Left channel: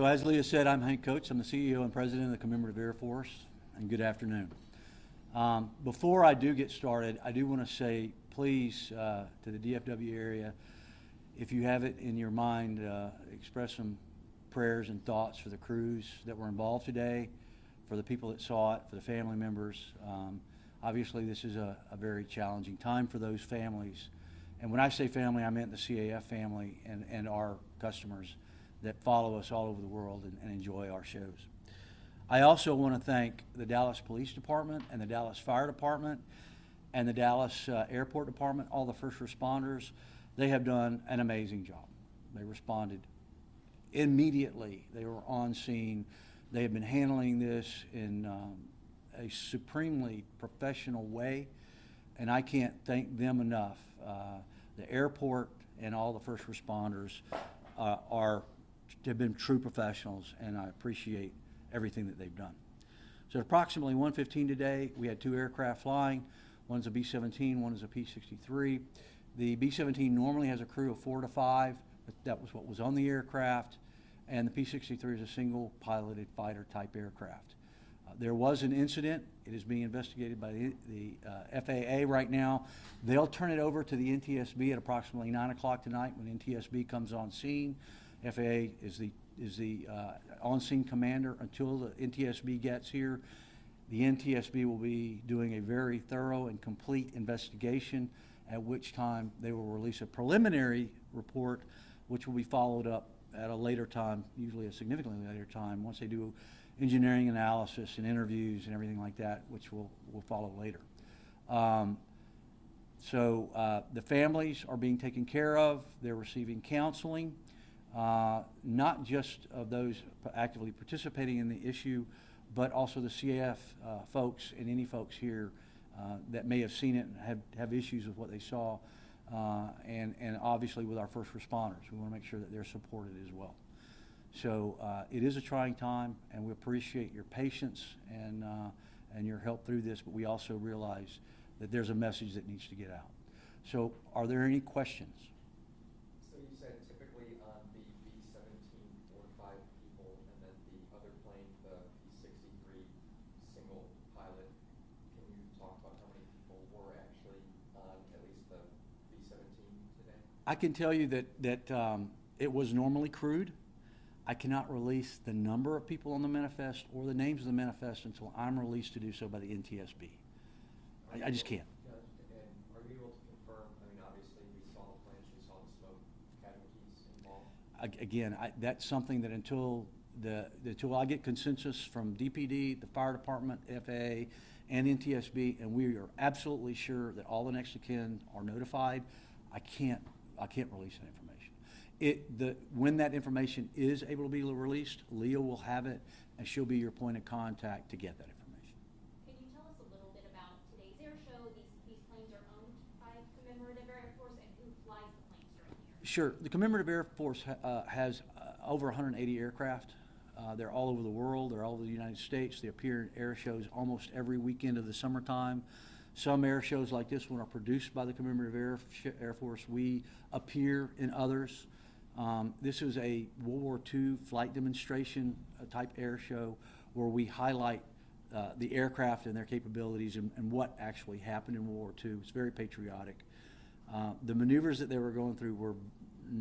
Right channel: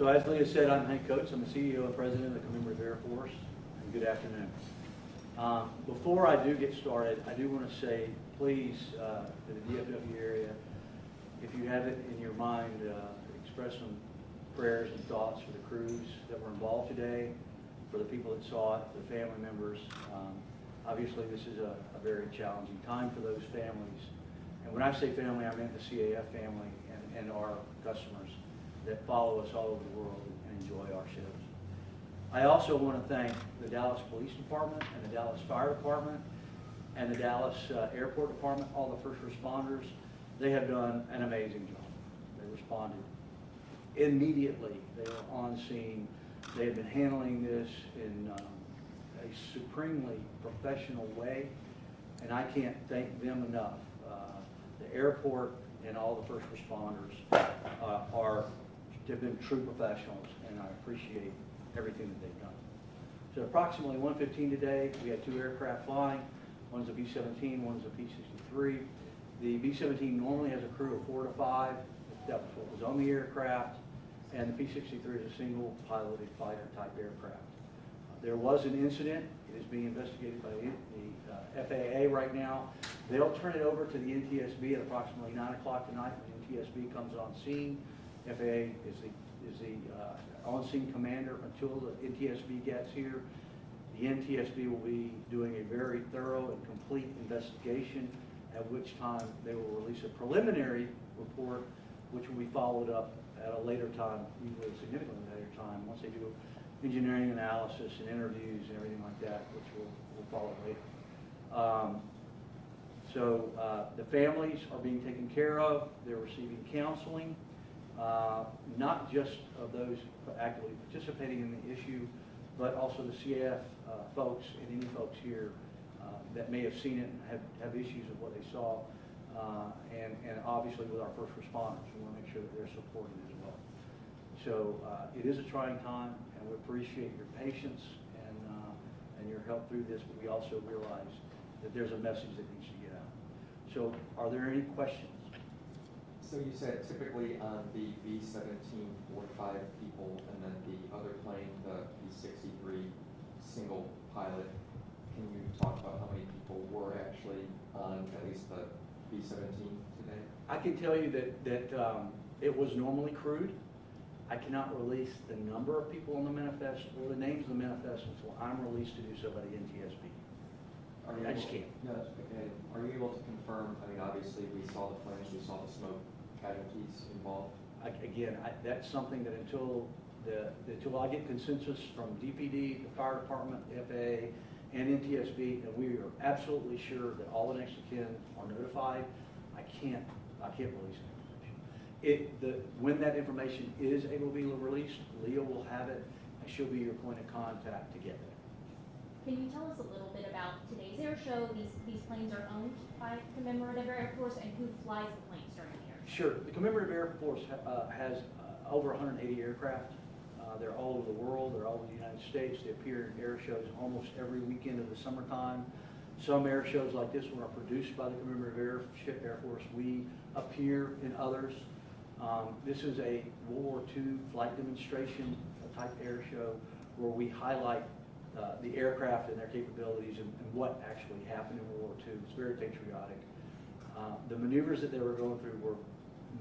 So as Leah said, I'm Hank Coates. I'm the CEO and President of the Commemorative Air Force, and good afternoon. Before I do get started, I do want to say, please, to the DFW area, if you have it in your mind, express some prayers and thoughts for the crews that were involved today, for the people that saw it, for the family members. Obviously, this is a very challenging time for those families. And when I say family, I meant the CAF family and our customers that follow us all over the world and enjoy our shows. I also want to thank the Dallas Police Department and the Dallas Fire Department and the Dallas Airport Department, all the first responders. They have done an amazing job. They responded immediately. They were on scene. They have been handling this in a supremely professional way, and I can't thank them enough. The airport and all the first responders have been true professionals, and I appreciate everything that they've done. So approximately 1:15 today, we had two aircraft flying. One's a B-17, one's a P-63. The B-17 normally has a crew of 4 to 5. That was what was on the aircraft, and the P-63 is a single piloted fighter type aircraft. There was an incident. It is being investigated by the FAA right now. They'll turn it over to the NTSB at approximately 9 o'clock tonight when NTSB comes on scene. FAA is the on-scene commander until the NTSB gets here. The NTSB will be doing a very thorough and complete investigation, at which time they will release a preliminary report, which will be followed up at a later time, usually a significantly later time, once they do engineering analysis and interviews and everything like that, which will follow later. The families are being taken care of. They're receiving counseling, not just of those actively participating in the issue, but also the CAF folks and any folks here that may have seen it and have issues with what they saw, and obviously with our first responders. We want to make sure that they're supported as well. So it is a trying time, and we appreciate your patience and your help through this, but we also realize that there's a message that needs to get out. So are there any questions? So you said typically on the B-17, 4 to 5 people, and then the other plane, the B-63, single pilot. Can you talk about how many people were actually on at least the B-17 today? I can tell you that it was normally crewed. I cannot release the number of people on the manifest or the names of the manifest until I'm released to do so by the NTSB. I just can't. No, that's okay. Are you able to confirm, I mean, obviously we saw the planes, we saw the smoke, casualties involved? Again, that's something that until I get consensus from DPD, the fire department, FAA, and NTSB, and we are absolutely sure that all the next of kin are notified, I can't release that information. When that information is able to be released, Leah will have it, and she'll be your point of contact to get that information. Can you tell us a little bit about today's air show? These planes are owned by Commemorative Air Force, and who flies the planes during the air show? Sure. The Commemorative Air Force has over 180 aircraft. They're all over the world. They're all over the United States. They appear in air shows almost every weekend of the summertime. Some air shows like this one are produced by the Commemorative Air Force. We appear in others. This is a World War II flight demonstration type air show where we highlight the aircraft and their capabilities and what actually happened in World War II. It's very patriotic. The maneuvers that they were going through were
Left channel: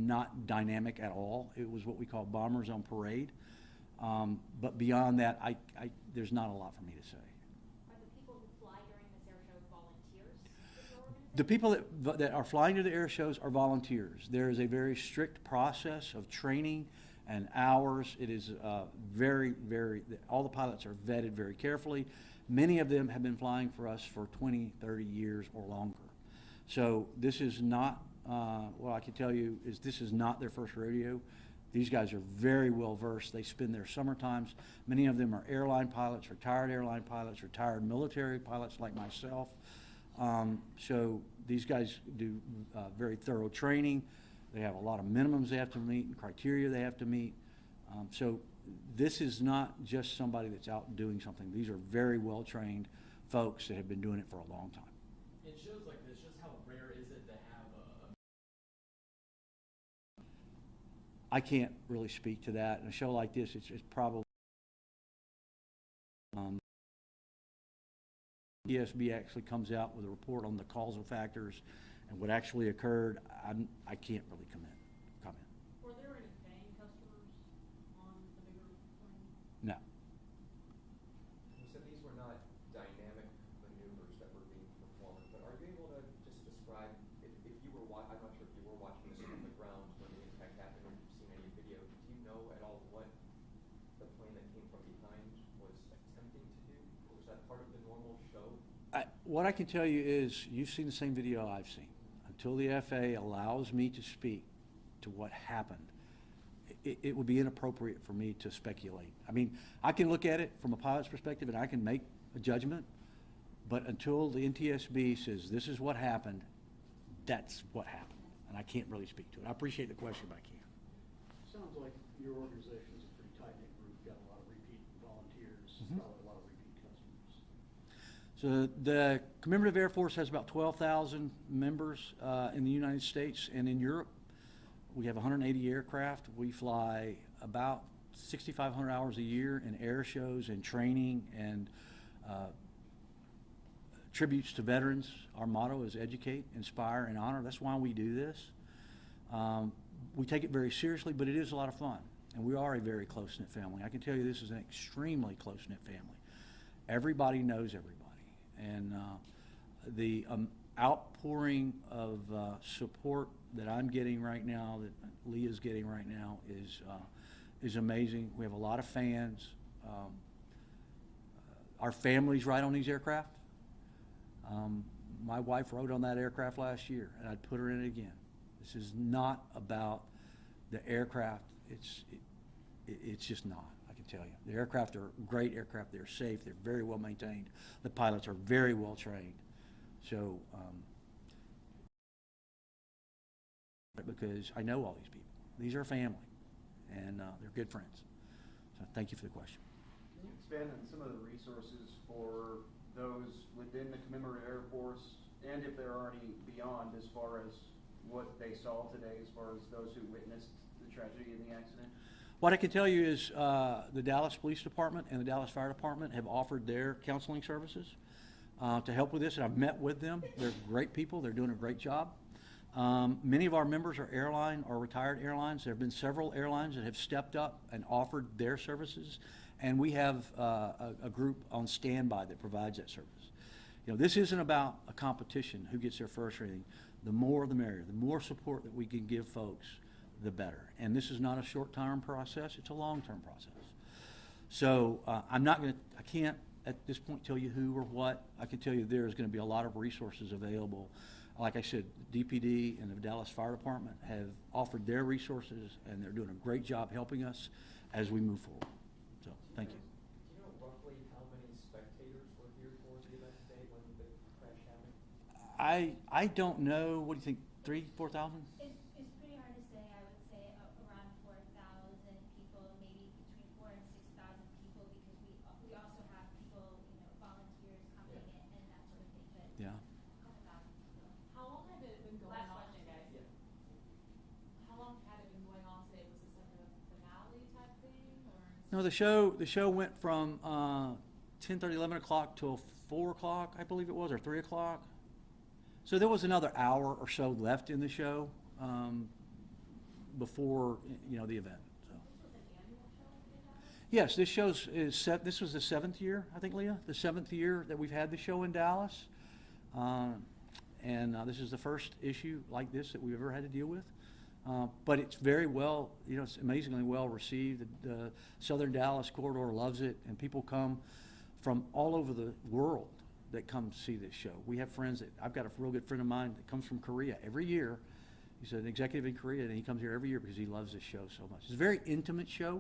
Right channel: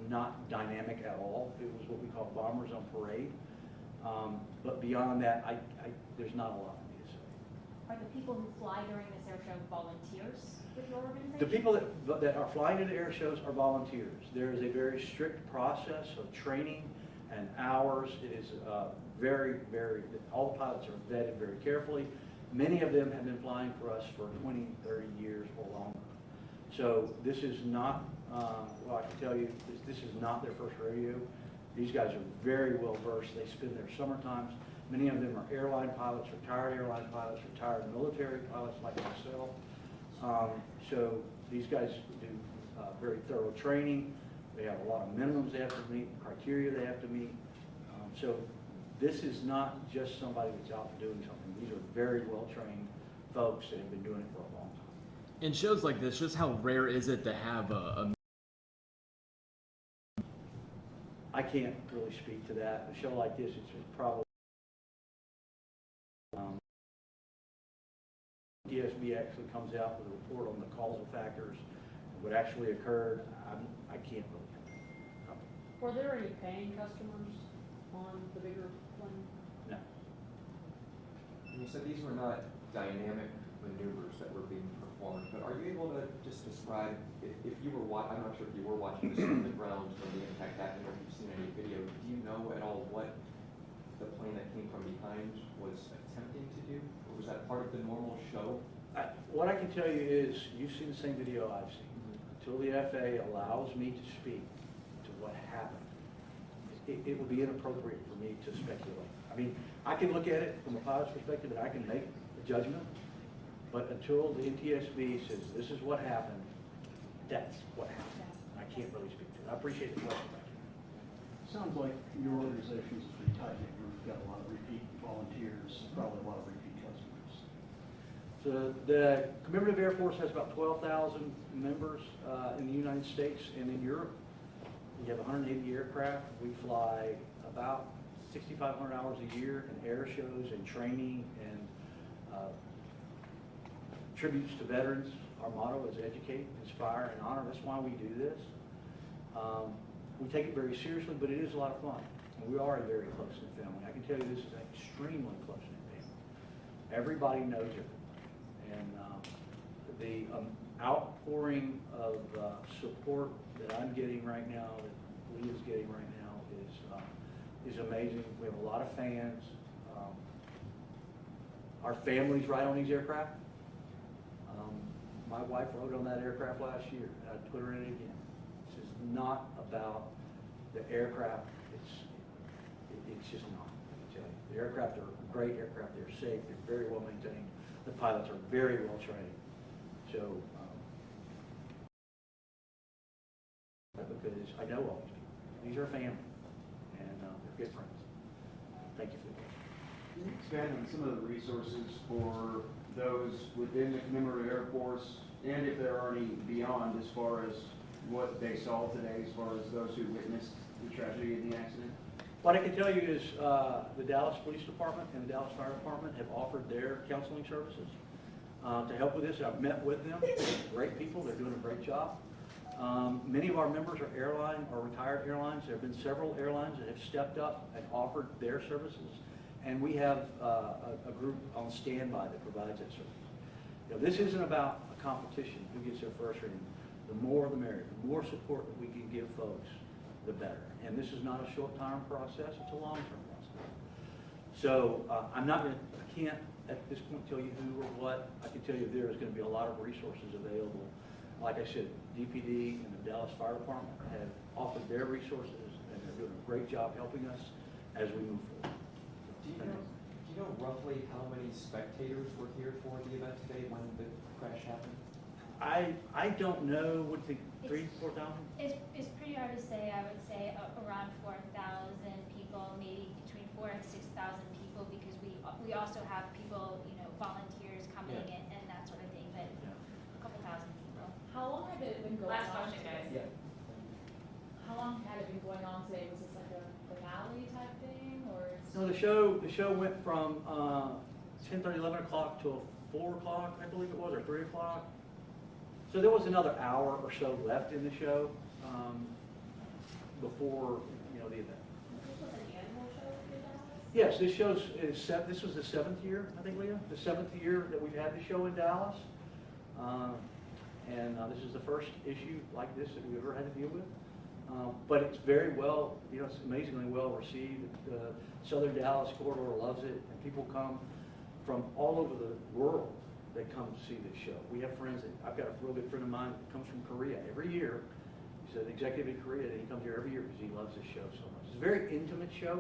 not dynamic at all. It was what we call bombers on parade. But beyond that, there's not a lot for me to say. Are the people who fly during this air show volunteers with your organization? The people that are flying to the air shows are volunteers. There is a very strict process of training and hours. It is all the pilots are vetted very carefully. Many of them have been flying for us for 20, 30 years or longer. So this is not, what I can tell you is this is not their first rodeo. These guys are very well versed. They spend their summer times. Many of them are airline pilots, retired airline pilots, retired military pilots like myself. So these guys do very thorough training. They have a lot of minimums they have to meet, criteria they have to meet. So this is not just somebody that's out doing something. These are very well trained folks that have been doing it for a long time. In shows like this, just how rare is it to have a I can't really speak to that. A show like this, it's probably, ESB actually comes out with a report on the causal factors and what actually occurred. I can't really comment. Were there any paying customers on the bigger plane? No. And you said these were not dynamic maneuvers that were being performed, but are you able to just describe, if you were I'm not sure if you were watching this from the ground when the impact happened, or if you've seen any video, do you know at all what the plane that came from behind was attempting to do? Or was that part of the normal show? What I can tell you is, you've seen the same video I've seen. Until the FAA allows me to speak to what happened, it would be inappropriate for me to speculate. I mean, I can look at it from a pilot's perspective and I can make a judgment, but until the NTSB says this is what happened, that's what happened. And I can't really speak to it. I appreciate the question, but I can't. Sounds like your organization is pretty tight-knit. You've got a lot of repeat volunteers, probably a lot of repeat customers. So the Commemorative Air Force has about 12,000 members in the United States and in Europe. We have 180 aircraft. We fly about 6,500 hours a year in air shows and training and tributes to veterans. Our motto is educate, inspire, and honor. That's why we do this. We take it very seriously, but it is a lot of fun. And we are a very close-knit family. I can tell you this is an extremely close-knit family. Everybody knows everybody. And the outpouring of support that I'm getting right now, that Leah's getting right now, is amazing. We have a lot of fans. Our families ride on these aircraft. My wife rode on that aircraft last year, and I'd put her in it again. This is not about the aircraft. It's just not, I can tell you. The aircraft are great aircraft. They're safe. They're very well maintained. The pilots are very well trained. So, because I know all these people. These are family, and they're good friends. Thank you for the question. Can you expand on some of the resources for those within the Commemorative Air Force, and if there are any beyond, as far as what they saw today, as far as those who witnessed the tragedy of the accident? What I can tell you is the Dallas Police Department and the Dallas Fire Department have offered their counseling services to help with this, and I've met with them. They're great people. They're doing a great job. Many of our members are airline or retired airlines. There have been several airlines that have stepped up and offered their services, and we have a group on standby that provides that service. You know, this isn't about a competition, who gets their first rating. The more the merrier. The more support that we can give folks, the better. And this is not a short-term process, it's a long-term process. So I can't at this point tell you who or what. I can tell you there's going to be a lot of resources available. Like I said, DPD and the Dallas Fire Department have offered their resources, and they're doing a great job helping us as we move forward. So, thank you. Do you know roughly how many spectators were here for the event today when the crash happened? I don't know. What do you think? 3,000, 4,000? It's pretty hard to say. I would say around 4,000 people, maybe between 4,000 and 6,000 people, because we also have people, you know, volunteers coming in and that sort of thing. But Yeah. a couple thousand people. How long had it been going Last on? question, guys. Yeah. How long had it been going on today? Was this like a finale type thing, or? No, the show went from 10:30, 11 o'clock till 4 o'clock, I believe it was, or 3 o'clock. So there was another hour or so left in the show before, you know, the event. This was an annual show for Dallas? Yes, this was the 7th year, I think, Leah, the 7th year that we've had the show in Dallas. And this is the first issue like this that we've ever had to deal with. But it's very well, you know, it's amazingly well received. The Southern Dallas corridor loves it, and people come from all over the world that come to see this show. We have friends I've got a real good friend of mine that comes from Korea every year. He's an executive in Korea, and he comes here every year because he loves this show so much. It's a very intimate show.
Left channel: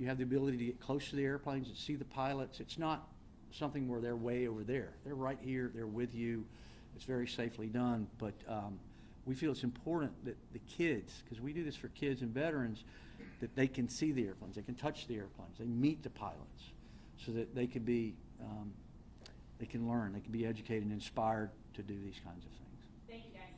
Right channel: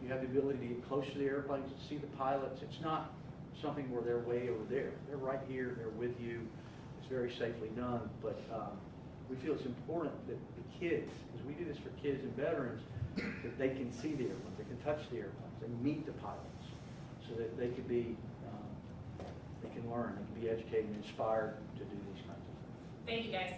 You have the ability to get close to the airplanes, to see the pilots. It's not something where they're way over there. They're right here, they're with you. It's very safely done, but we feel it's important that the kids, because we do this for kids and veterans, that they can see the airplanes, they can touch the airplanes, and meet the pilots, so that they can be, they can learn, they can be educated and inspired to do these kinds of things. Thank you, guys.